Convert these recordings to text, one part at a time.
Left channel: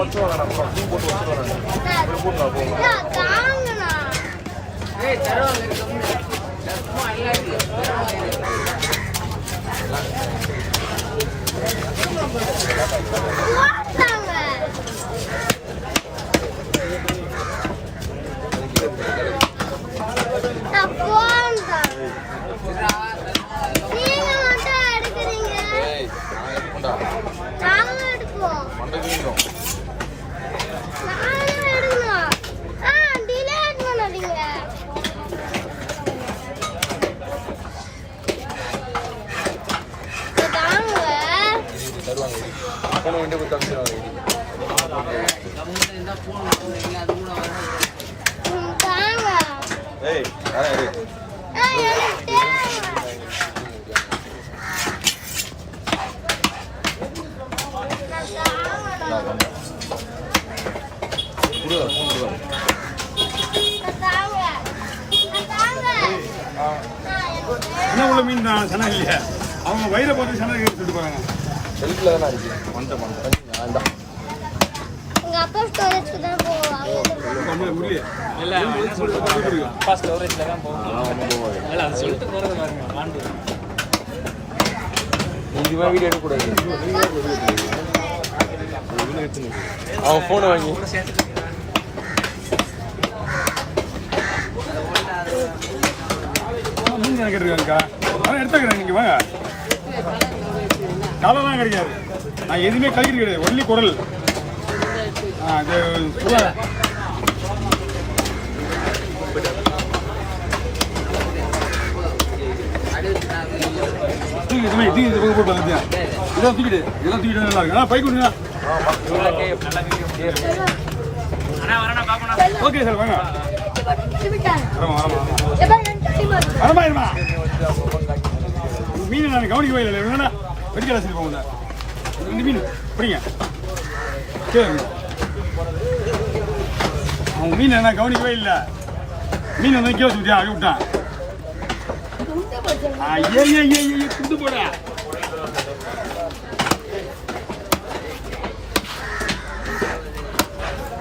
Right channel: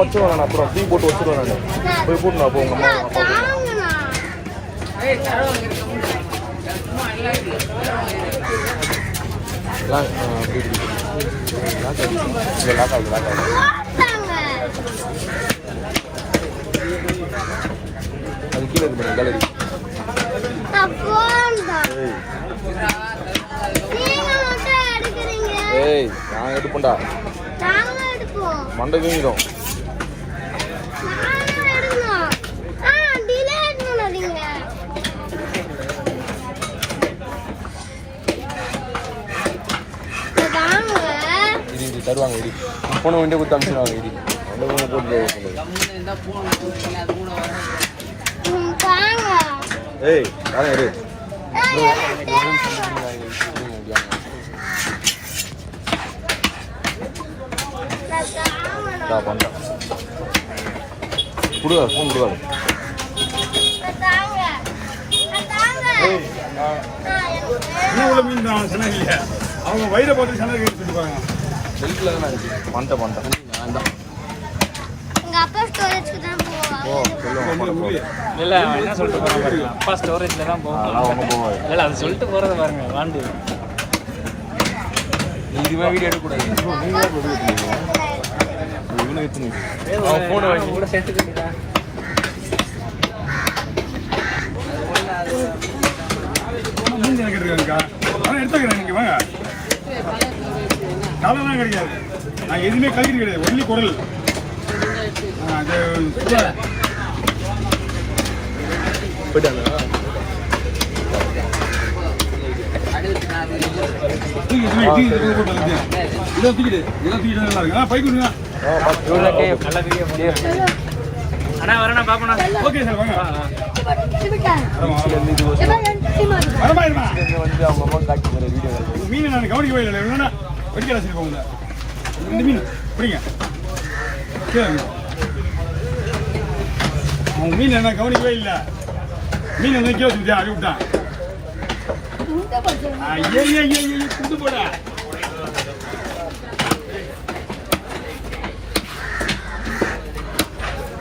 வச்சுருவாங்க அப்புறம் டீ போட்டு வச்சுருவாங்க போய் போட்டு நான் போங்க அது கீழே இருக்கு கேலரி ஏய் நான் எடுப்பேன்டா மண்டை வீங்கிடும் தருவாங்க இடி போன வண்டியை கொடுத்து அனுப்பிச்சிடுவாங்க இடி ஏய் கொடுங்க ஃபோன் கொடுங்க என்ன உள்ள மீன் தான் சனகை இல்லை அவங்க வயிறை பார்த்து சனகை எடுத்துட்டு போறாங்க செல்ஃபில் தானே இருக்கு மண்டை நான் தான் எங்க அப்பா ஸ்டோரேஜ்க்கு தான் போவாங்க இல்ல என்ன சொல்லிட்டு போறாங்க அப்பா ஸ்டோரேஜ்ல தான் போவாங்க இல்ல அது சொல்லிட்டு போறத பாருங்க வாண்டு இதுவே வீடியோ எடுக்க கூடாது அவன் போன் வாங்கி கூட சேர்த்துக்கிட்டா மீன் எனக்கு இருக்காங்கக்கா அவன் எடுத்துக்கிறேன் நீங்க வாங்க காலெல்லாம் கிடைக்காது நான் எதுவுமே கழிக்கிறது கிடையாது ஒன்லி குரல் அது ஓகே சார் வாங்க மீன் நான் கவனிக்கவே இல்லை வேணா வெடிக்கல சரி போங்க ரெண்டு மீன் பிடிங்க கேளுங்க அவங்க மீன் நான் கவனிக்கவே இல்லை மீன் வந்து கீழே சுத்தியா அடி விட்டான் துண்டு போட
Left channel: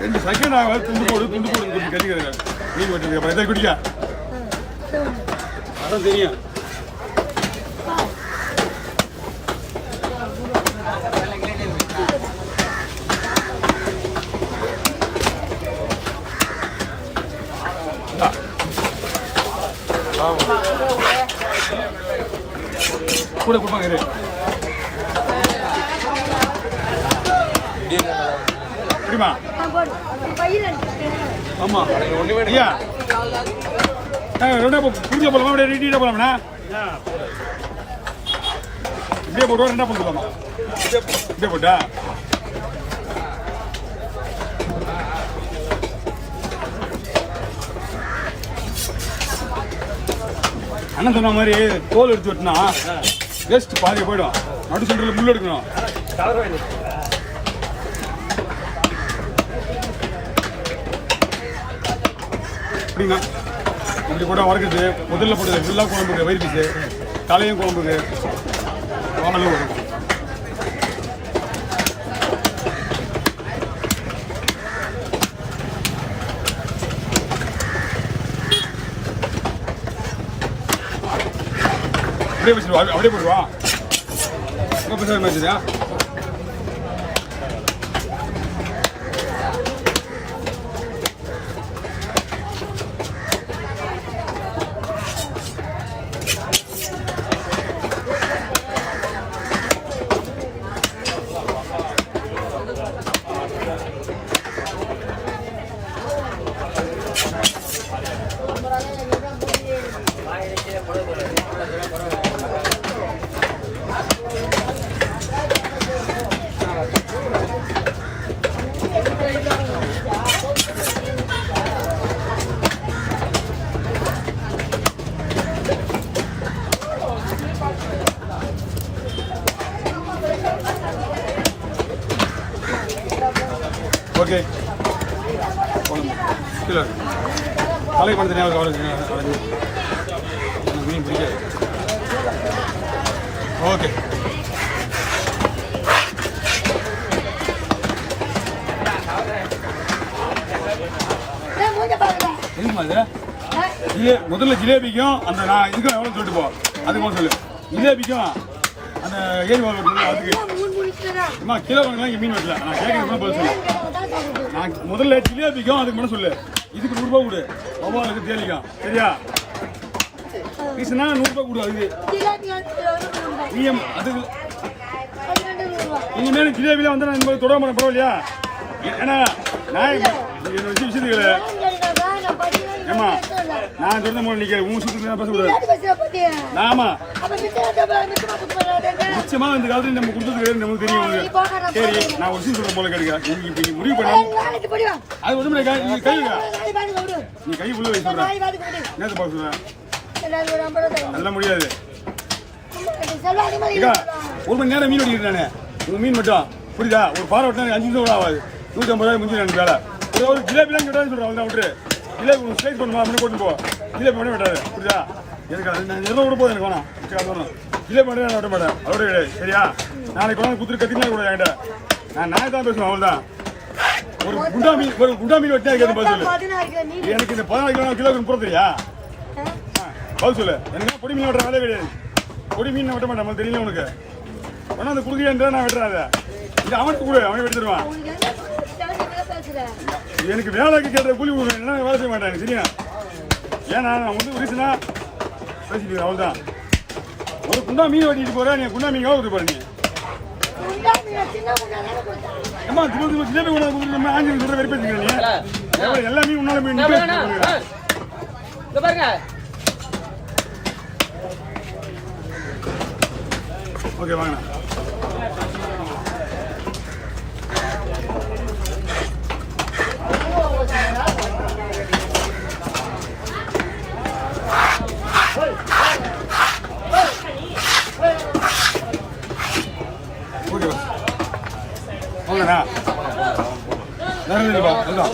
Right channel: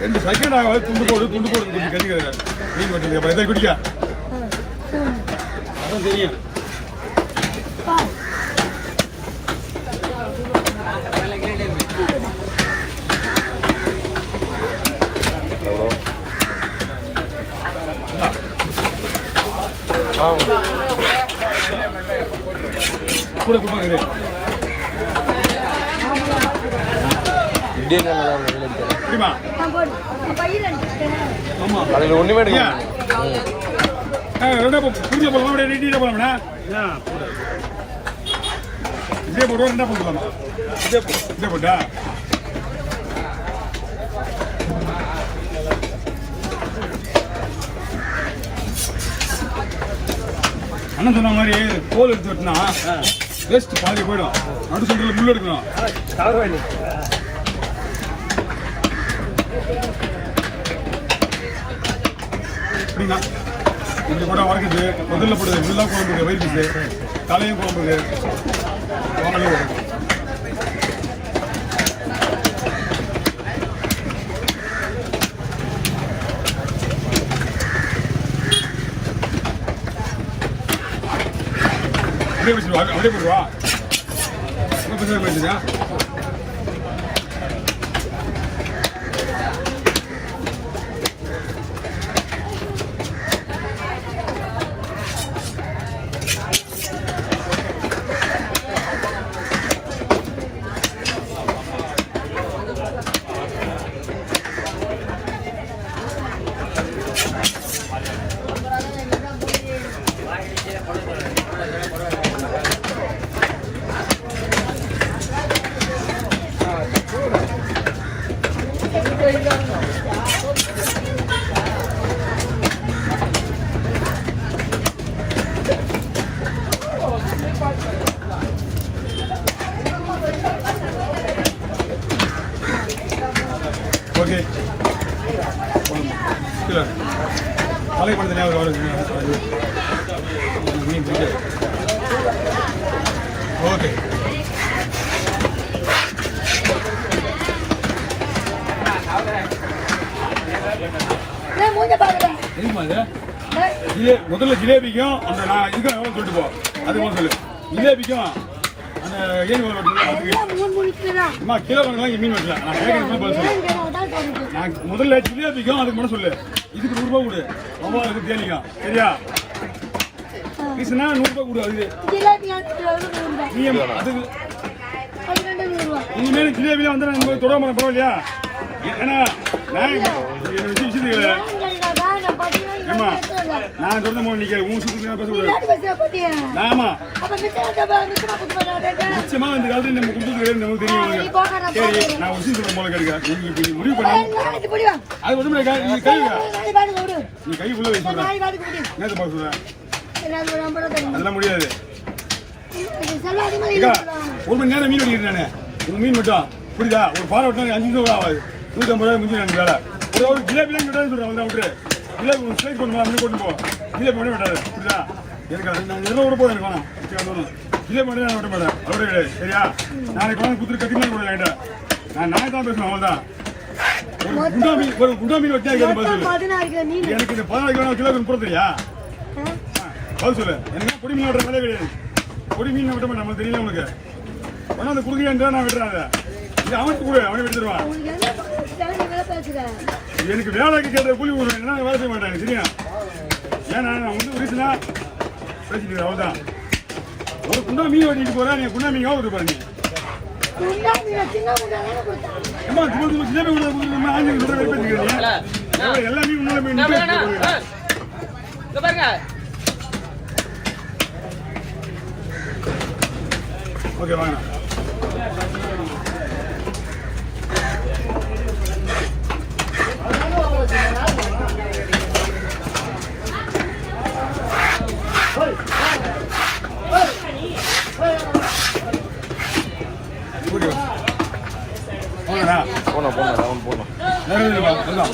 ரெண்டு செகண்ட் ஆகாது துண்டு போடு கட்டிக்கிறாங்க மீன் வெட்டுறதுக்கு எதை குடிக்க அதான் தெரியும் கூட கொடுப்பாங்க எப்படிமா ஆமா அதில் ஒன்றுமே புரிஞ்ச போலாமா அப்படியே ரெடியாக போலாம்ண்ணா இப்படியே போடுவா ரெண்டா போட்டுலாமா இப்படியே போட்டா அண்ணன் சொன்ன மாதிரி தோல் எடுத்து வெட்டினா வேஸ்ட் பாதி போயிடும் நடு சென்டரில் முள் எடுக்கணும் அப்படிங்க இப்படி கூட வறுக்குது முதல்ல போடுது ஃபுல்லாக குழம்புக்கு வயிற்றுச்சு தலையும் குழம்புக்கு வாங்கலும் வரும் அப்படியே போடுவா ரொம்ப பெருசாக மேய்ச்சதா ஓகே இல்லை மலை பண்ண தனியாக வருது மீன் பிடிக்க ஓகே எதுக்குமா இது முதல்ல ஜிலேபிக்கும் அந்த நான் இதுக்கும் எவ்வளோ சொல்லிட்டு போ அதுக்கு சொல்லு ஜிலேபிக்கும் அந்த ஏன் அம்மா கிலோ கணக்கெல்லாம் இங்கே மீன் வைக்கல நான் கேட்கறதுக்கு பதில் சொல்லு நான் முதல்ல ஜிலேபிக்கும் அதுக்கு மட்டும் சொல்லு இதுக்கு 100 ரூபா கொடு அவ்வாவுக்கு தேலிக்கும் சரியா கிருஷ்ணா 100 ரூபா கொடு அதுக்கு அதுக்கு இனிமேல் ஜிலேபியில் வந்து நான் தொட மாட்டேன் பரவாயில்லையா ஏன்னா நான் என்ன விஷயத்துக்கு ஏமா நான் சொல்ற மாதிரி நீங்க உன் சுத்தத்துல பேசக்கூடாது ஆமா நிச்சயமா இந்த காலத்துல நம்ம கொடுத்தது நமக்கு தெரியும் சரி நான் ஒரு விஷயம் சொல்ற போல கேட்க நீங்க முடிவு பண்ணாம அது ஒண்ணுமே நீ கை உள்ள வை சொல்றேன் என்னது பார்க்க சொல்றேன் அதெல்லாம் முடியாது ஒரு மணி நேரம் மீன் வெட்டிக்கிட்டு நானு உங்க மீன் மட்டும் புரியுதா ஒரு பாறை வெட்டினா 5 நிமிஷம் கூட ஆகாது 150 ரூபாய் முடிஞ்சு எனக்கு வேலை ஒரு ஜிலேபிலாம் சொல்றேன் அவள் தான் விட்டுரு ஜிலேபி ஸ்லைஸ் பண்ணுமா அப்படி போட்டு போ ஜிலேபி மட்டும் வெட்டாது புரியுதா எனக்கு அது நான் எவ்வளோ கூட போதும் எனக்கு வேணாம் அது வரணும் ஜிலேபி மட்டும் நான் வெட்ட மாட்டேன் அவரு சரியா நாளைக்கு வந்து குத்துரு கத்தினா கூட என்கிட்ட நான் தான் பேசணும் அவள் தான் ஒரு குண்டா மீன் வெட்டினா கேட்க பதில் சொல்லு எனக்கு இந்த 14 கிலோ போட தெரியா பதில் சொல்லு எனக்கு பொடி மீன் வெட்டுற வேலை கிடையாது பொடி மீன் வெட்ட மாட்டேன் நம்மளுக்கு தெரியல உனக்கு வேணா அந்த குறுகியா நான் வெட்டுறேன் அதை இது அவனுக்கு கூட அவனை வெட்டி தருவான் எனக்கு வேலைக்கு கேட்ட கூலி என்ன வேலை செய்ய மாட்டேன் எனக்கு தெரியும் ஏன்னா நான் வந்து ரீசனா பேசிட்டு அவ்வளோதான் ஒரு குண்டா மீன் வெட்டிட்டு போறேன் நீ குண்டா மீன் விட்டு போற நீ அம்மா ஜிலேபி கூட நம்ம ஆஞ்சல் சொல்ற மாதிரி பேசிக்கிறீங்க எல்லா மீன் உன்னால போய் ஓகே வாங்கண்ணா போதும்